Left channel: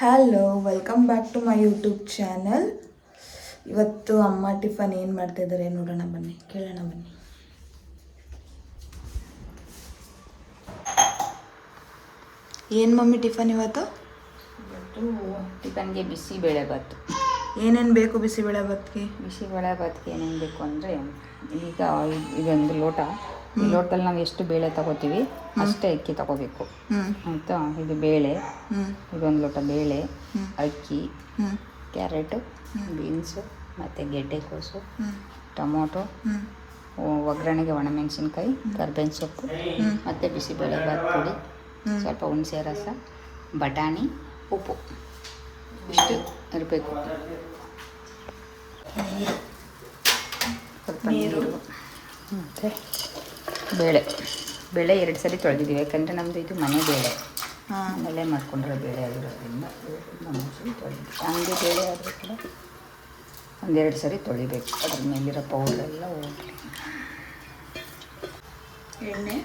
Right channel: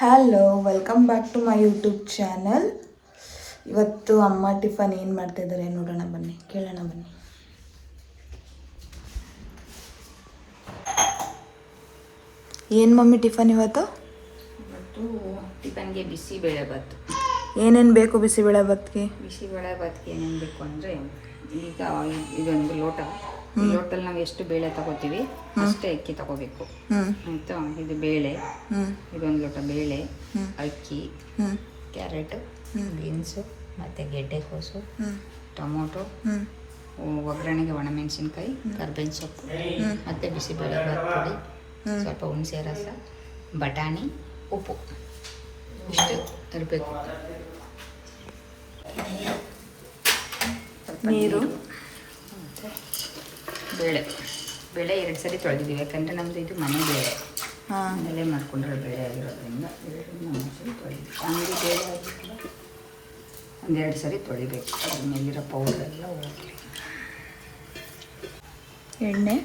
Hello, welcome back to my YouTube channel. ಇವತ್ತು ಅಮ್ಮ tiffin ಏನು ಮಾಡ್ತಾಯಿದ್ದಾರೆ ನೋಡೋಣ ಬನ್ನಿ, ಕೇಳೋಣ ಬನ್ನಿ. ಏನು ಮಮ್ಮಿ ಟಿಫನ್ ಇವತ್ತು? ಟಿಫನ್ಗೆ ಬಿಸಿಬೇಳೆಭಾತ್. ಏನೇನು ಬೇಕು ಬಿಸಿಬೇಳೆಭಾತ್ಗೆ? ಬಿಸಿಬೇಳೆಭಾತ್ಗೆ ಏನೇನು ಬೇಕು ಅಂದರೆ, ಈಗ ಇದೊಂದು ಲೋಟದಲ್ಲಿ ನಾವು ಎಷ್ಟು ಬೇಳೆ ತಗೋತೀವಿ ಅಷ್ಟೇ ಅಕ್ಕಿ ತಗೋಬೇಕು. ಆಯಿತಾ? ಇದು ಬೇಳೆ, ಇದೊಂದು ಲೋಟ ಬೇಳೆ, ಅಕ್ಕಿ, ಕ್ಯಾರೆಟು, ಬೀನ್ಸು ಮತ್ತು ಗೆಡ್ಡೆಕೋಸು, ಟೊಮೊಟೊ, ಒಗ್ಗರಣೆಗೆ ಒಣಮೆಣಸಿನ್ಕಾಯಿ, ಕರ್ಬೇವಿನ ಸೊಪ್ಪು ಮತ್ತು ಬಿಸಿಬೇಳೆಭಾತ್ ಪುಡಿ, ಸ್ವಲ್ಪ ಹುಣಸೆ ರಸ, ಬಟಾಣಿ, ಉಪ್ಪು ಇಷ್ಟು ಇರಬೇಕು. ಸ್ವಲ್ಪ ನೀರು ಮತ್ತು ಬೇಳೆ 2 ಸರಿ ತೊಳೆದಿದ್ದೀವಿ. ಯಾಕಂದರೆ ನಮ್ಮದು ಇದು ಮನೆ ಬೇಳೆ, ಮನೆ ಮಾಡ್ಕೊಂಡಿರೋ ಬೇಳೆ ಆಗಿರೋದ್ರಿಂದ 2 ಸರಿ ತೊಳೆದಿದ್ದೀವಿ. ಹಂಗೆ ಬೇಳೆ ಆಗಿದ್ರೆ 1-2 ಸರಿ ತೊಳಿಬೇಕು. ಅದ್ರ ಮೇಲಿರೋ ಪೌಡ್ರೆಲ್ಲ ಹೋಗಲಿ. ಎಣ್ಣೆ,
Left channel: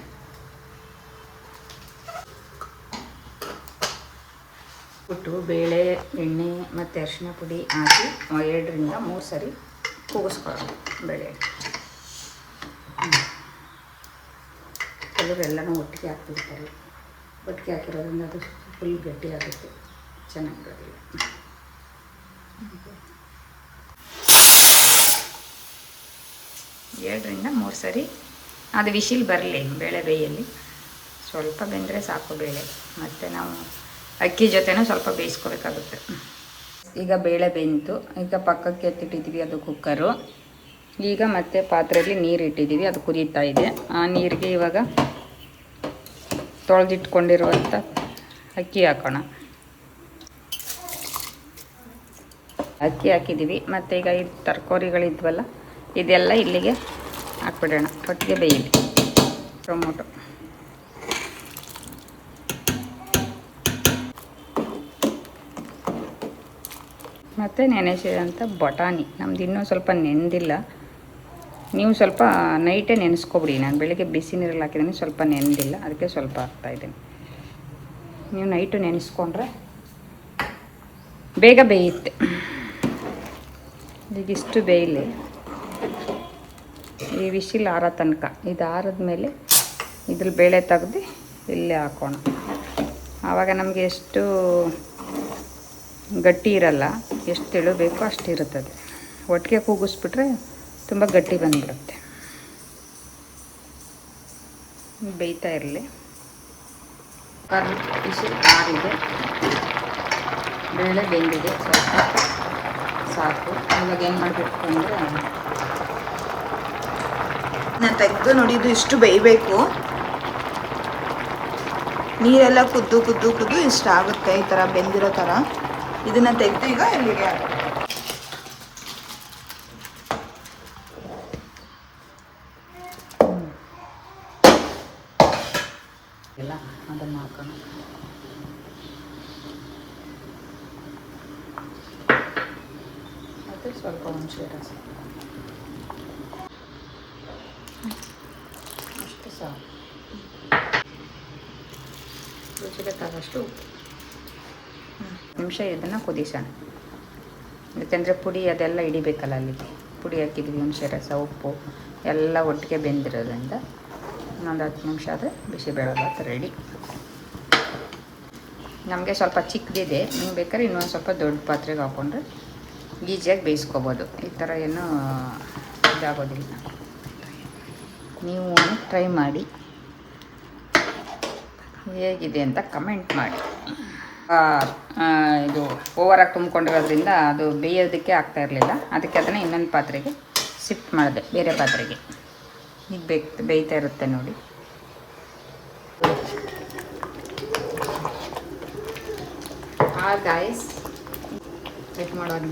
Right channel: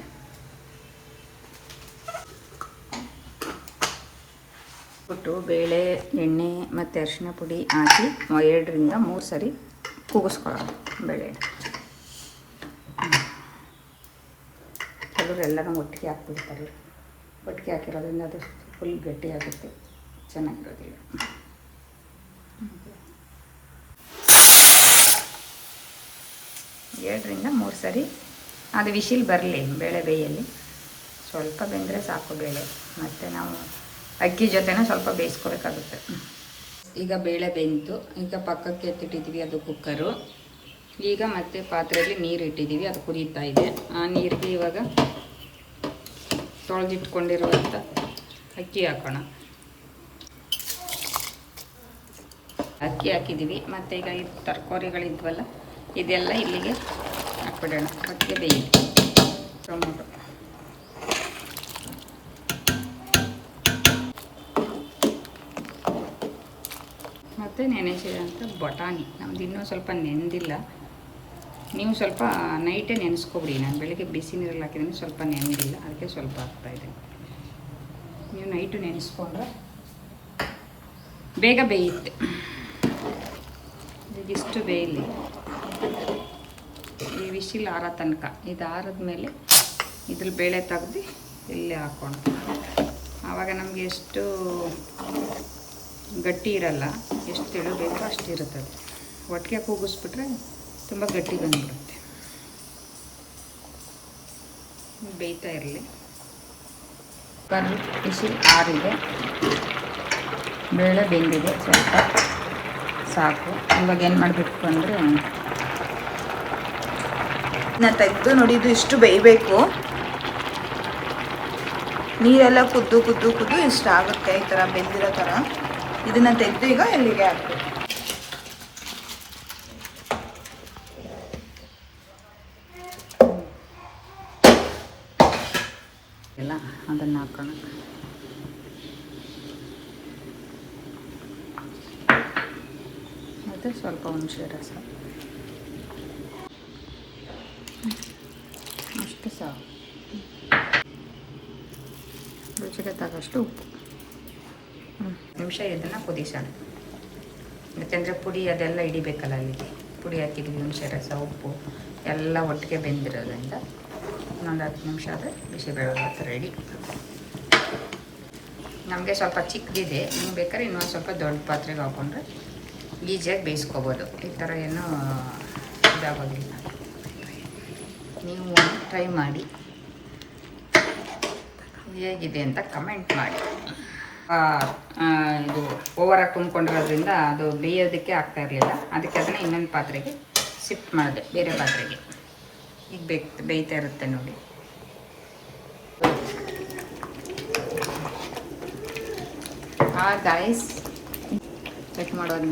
ಬಿಟ್ಟು ಬೇಳೆ, ಎಣ್ಣೆ ಮತ್ತು ಅರಿಶಿನ ಪುಡಿ ಹಾಕಿ 2-3 ಸರಿ ಕೂಗಿಸ್ಕೊಳ್ಳೋದು ಬೇಳೆ. ಎಲ್ಲನೂ ಒಟ್ಟಿಗೆ ಹಾಕ್ಬಿಡ್ತಾರೆ. ಒಟ್ಟಿಗೆ ಹಾಕಿರೋದ್ರಿಂದ ಅದು ಫುಲ್ ಗಟ್ಟಿ ಆಗುತ್ತೆ, ಚೆನ್ನಾಗಿರೋದಿಲ್ಲ. 2-3 ಸರಿ ಅದು ವಿಶಿಲ್ ಬರಲಿ, ಬೇಳೆ ಬೇಯಲ್ಲಿ ಸ್ವಲ್ಪ ಬೆಂದರೆ ಸಾಕು ಬೇಳೆ. ಮತ್ತು ನಾವು ಅಕ್ಕಿ ಜೊತೆನೂ ಸ್ವಲ್ಪ ಬೇಯಿಸ್ಕೋಬೇಕಾಗುತ್ತೆ. ಈಗ ಬೇಳೆ ಬೆಂತು, ಈಗ ಪಕ್ಕಕ್ಕೆ ಎತ್ತಿಟ್ಟಿದ್ದೀವಿ, ಅದು ಕುಕ್ಕರು. ಈಗ ಮತ್ತೆ ಪಾತ್ರೆಯಲ್ಲಿ ನೀರು ಇಟ್ಟಿದ್ದೀವಿ, ಅದು ಕುದೀತಾ ಇದೆ. ಆ ನೀರಿಗೆ ಇವಾಗ ತೊಳೆದಿಟ್ಕೊಂಡಿರುವಂಥ ಅಕ್ಕಿ ಹಾಕೋಣ. ಅಕ್ಕಿ ಹಾಕಿದ್ದೀವಿ. ಮತ್ತು ಈಗ ಇದು ತರಕಾರಿಗಳಿದ್ವಲ್ಲ ಇದೆಲ್ಲ ಇಲ್ಲಿಗೆ ಹಾಕ್ಬಿಡೋಣ, ಒಟ್ಟಿಗೆ ಬೇಯಲಿ. ಟೊಮೊಟೊ, ಮತ್ತು ನೆನೆಸಿದಂಥ ಬಟಾಣಿ. ನಮ್ದು ಇನ್ನೂ ಸ್ವಲ್ಪ ನೆನೆದಿಲ್ಲ. ನೀವು ಸ್ವಲ್ಪ ನೈಟೇ ನೆನೆಸ್ಕೊಬಿಡಿ. ನಾನು ಬೆಳಿಗ್ಗೆ ಬಿಸಿ ನೀರಲ್ಲಿ ಹಾಕಿದ್ದೀನಿ, ಸ್ವಲ್ಪ ನೆನೆದಿಲ್ಲ, ಅದಕ್ಕೆ ಸ್ವಲ್ಪ ಹಾಕ್ತಾಯಿದ್ದೀನಿ. ನೀವು ನೈಟು ನೆನೆಸ್ಕೊಂಡ್ರೆ ಬೇಗ ಬೇಯುತ್ತೆ. ಈಗ ಇಷ್ಟು ಬೇಯಲಿ, ಈ ವಿಶಿಲ್ ಆರೋ ತನಕ. ಇದು ಆರಿದ್ಮೇಲೆ ಇದ್ರ ಬೇಳೆ ತೆಗ್ದು ಇಲ್ಲೇ ಹಾಕೋಣ. ಆವಾಗ ನಮಗೆ ಎಷ್ಟು ಗಟ್ಟಿ ಇರಲ್ಲ, ಎಷ್ಟು ತೆಳು ಬೇಕೋ ಅಷ್ಟು ಇರುತ್ತದೆ. ಒಟ್ಟಿಗೆ ಕೂಗಿಸ್ಬಿಟ್ರೆ ತುಂಬ ಗಟ್ಟಿ ಬಂದಿರುತ್ತೆ. ಬೇಯ್ತಾ ಇರಲಿ. ಬಿಸಿ ಆರಿದೆ, ಬೇಳೆ ಬೆಂದಿದೆ, ಸಾಕು. ಇವಾಗ ಏನು ಮಾಡಬೇಕು ಅಂದರೆ, ನಾನು ತೆಗೆದು ನೋಡಿ, ಇದು ಇಷ್ಟು ಬೇಯಬೇಕು. ನೀರೆಲ್ಲ ಕುದ್ದು ಇಷ್ಟ ಆಗುತ್ತೆ, ಈ ಥರ ಬೆಂದಿರೋ ಥರ. ಇದನ್ನು ತೆಗೆದು ಈಗ ಇಲ್ಲಿಗೆ ಹಾಕ್ತೀನಿ. ಅದನ್ನು ಹಾಕೋಣ. ಮತ್ತು ಸ್ವಲ್ಪ ಹುಣಸೆ ರಸ ಇಷ್ಟು ಸಾಕು. ರುಚಿಗೆ ತಕ್ಕಷ್ಟು ಉಪ್ಪು. ನಿಮಿಷ ಇದನ್ನು ಕುದಿಸೋಣ. ಯಾಕೆಂದರೆ ಪುಡಿ ಅದೆಲ್ಲ ಹಿಡಿಬೇಕಲ್ಲ, ಅಲ್ಲಿಗೆ ಪುಡಿ ಹಾಕಿದ್ವಿ, ಹುಣಸೆ ರಸ, ಉಪ್ಪು ಎಲ್ಲ ಒಟ್ಟಿಗೆ ಬೆಂದಿರೋದ್ರಿಂದ ಒಂದು 10 ನಿಮಿಷ ಆದರೆ ಬಿಸಿಬೇಳೆಭಾತ್ ರೆಡಿ. ನಮಗೆ ಸ್ವಲ್ಪ ಚಿಕ್ಕದಿದೆ, ನೀವು ಬೇಕಾದ್ರೆ ಇನ್ನೊಂದು ಸ್ವಲ್ಪ ದೊಡ್ಡ ಪಾತ್ರೆಗೆ ಹಾಕ್ಕೊಂಡ್ರೆ ಈಸಿಯಾಗಿ ಬೇಯಿಸ್ಕೋಬೋದು. ಈ ಥರ ಏನೂ ಇದಾಗೋದಿಲ್ಲ. ನೀವು ಟ್ರೈ ಮಾಡಿ, ಹೇಗಿದೆ ಅಂತ ಕಮೆಂಟ್ ಮಾಡಿ. ಇದು ಓವರಾಗಿ ತುಂಬಿಕೊಂಡಿರೋದ್ರಿಂದ ಅದು ಬೇಯೋದಕ್ಕೆ ಆಗ್ತಾ ಇರಲಿಲ್ಲ, ಅದಕ್ಕೆ ಅದನ್ನು ಇನ್ನೊಂದು ಪಾತ್ರೆಗೆ ಶಿಫ್ಟ್ ಮಾಡಿದೆ, ಬೇರೆ ಪಾತ್ರೆಗೆ. ಈಗ ಬೇಯ್ತಾ ಇರುತ್ತೆ ನೋಡಿ. ಗಾಯ್ಸ್, ಚೆಕ್ ಮಾಡೋದು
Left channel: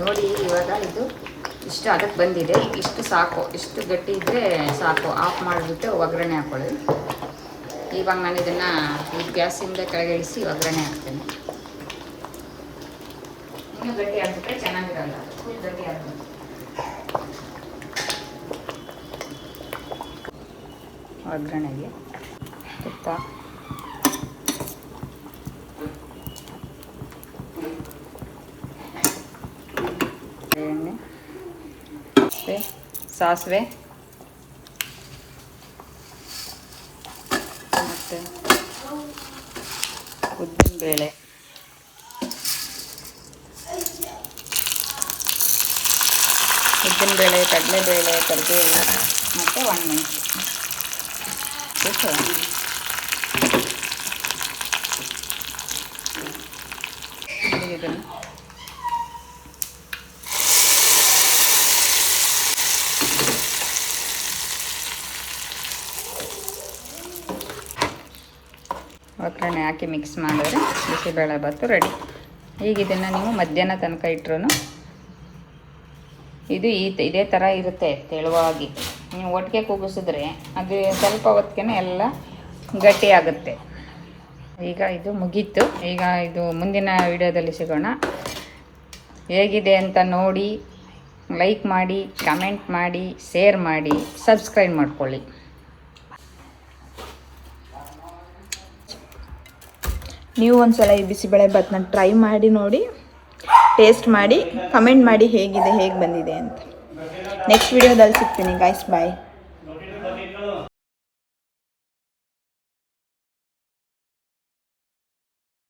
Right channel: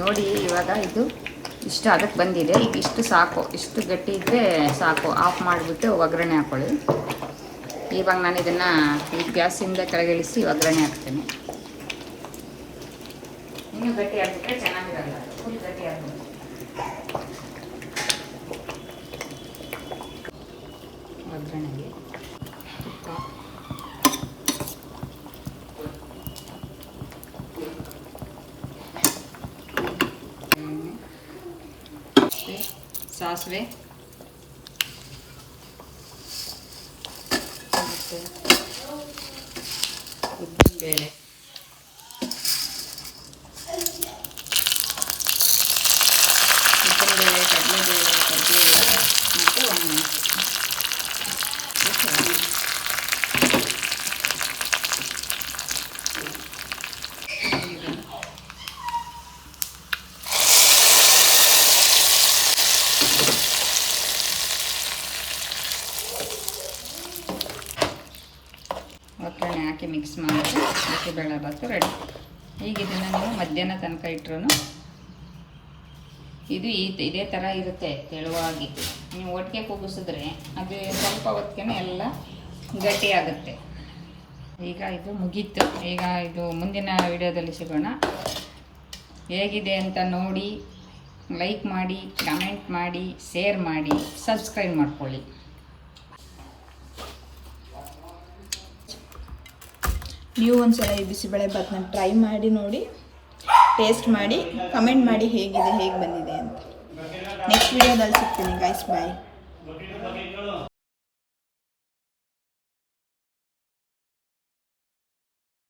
ನೋಡಿ. ಇವಾಗ ಇದು ಇಷ್ಟು ಅದಕ್ಕೆ ಬಂದಿದೆ. ಈಗ ಇಷ್ಟು ಸಾಕು, ಇಷ್ಟು ಗಟ್ಟಿ ಇದ್ದರೆ ಸಾಕು. ಆಫ್ ಮಾಡಿಬಿಟ್ಟು ಒಗ್ಗರಣೆ ಹಾಕೊಳ್ಳಿ. ಇವಾಗ ನಾನು ಇದನ್ನು ಗ್ಯಾಸಿಂದ ಕೆಳಗಿಳಿಸಿ ಒಗ್ಗರಣೆ ಹಾಕ್ತೀನಿ. ಇನ್ನೂ ಗಟ್ಟಿ ಆಗಿಬಿಟ್ರೆ ಚೆನ್ನಾಗಿರಲ್ಲ, ಗಟ್ಟಿ ಆಗಬೇಕು. ಒಗ್ಗರಣೆಗೆ ತುಪ್ಪ, ಸಾಸಿವೆ ಮತ್ತು ಉದ್ದಿನಬೇಳೆ, ಉದ್ದಿನಬೇಳೆ, ಕಡಲೆಬೇಳೆ, ಕರಿಬೇವು ಮತ್ತು ಒಣಮೆಣಸು. ಇದನ್ನು ಒಗ್ಗರಣೆ ಹಾಕಿ ಮಿಕ್ಸ್ ಮಾಡಿದ್ರೆ ಬಿಸಿಬೇಳೆಭಾತು ರೆಡಿ. ಈಗ ಇದನ್ನು ನೀವು ಮಧ್ಯಾಹ್ನ ತನಕ ಇಟ್ಟರು ಇದು ಇದೇ ಥರ ಇರುತ್ತೆ ತೆಳುವಾಗಿ. ನೀವು ಒಟ್ಟಿಗೆ ಕೂಗಿಸಿದ್ರೆ ಅದು ಸ್ವಲ್ಪ ಹೊತ್ತಿಗೆ ಎಲ್ಲ ಗಟ್ಟಿ ಆಗುತ್ತೆ. ಈಗ ಇದು ಮುಗೀತು. ಈಗ ಇದು ಮುಂದಿನ ವಿಡಿಯೋದಲ್ಲಿ ಸಿಗೋಣ. ಹೇಗಿದೆ ಅಂತ ನೋಡಿ, ಲೈಕ್ ಮಾಡಿ, ಕಮೆಂಟ್ ಮಾಡಿ, ಶೇರ್ ಮಾಡಿ, ಸಬ್ಸ್ಕ್ರೈಬ್ ಮಾಡ್ಕೊಳ್ಳಿ. ನೀವು ಒಂದ್ಸಲ ಈ ಬಿಸಿಬೇಳೆಭಾತನ್ನ ಟ್ರೈ ಮಾಡಿ ನೋಡಿ, ಟೇಸ್ಟ್ ಮಾಡಿ, ಕಮೆಂಟ್ ಮಾಡಿ ಹೇಗೆ ಬಂದಿದೆ ಅಂತ. ನೆಕ್ಸ್ಟ್ ವಿಡಿಯೋದಲ್ಲಿ ಸಿಗ್ತೀನಿ ಗೈಸ್, ಬಾಯ್.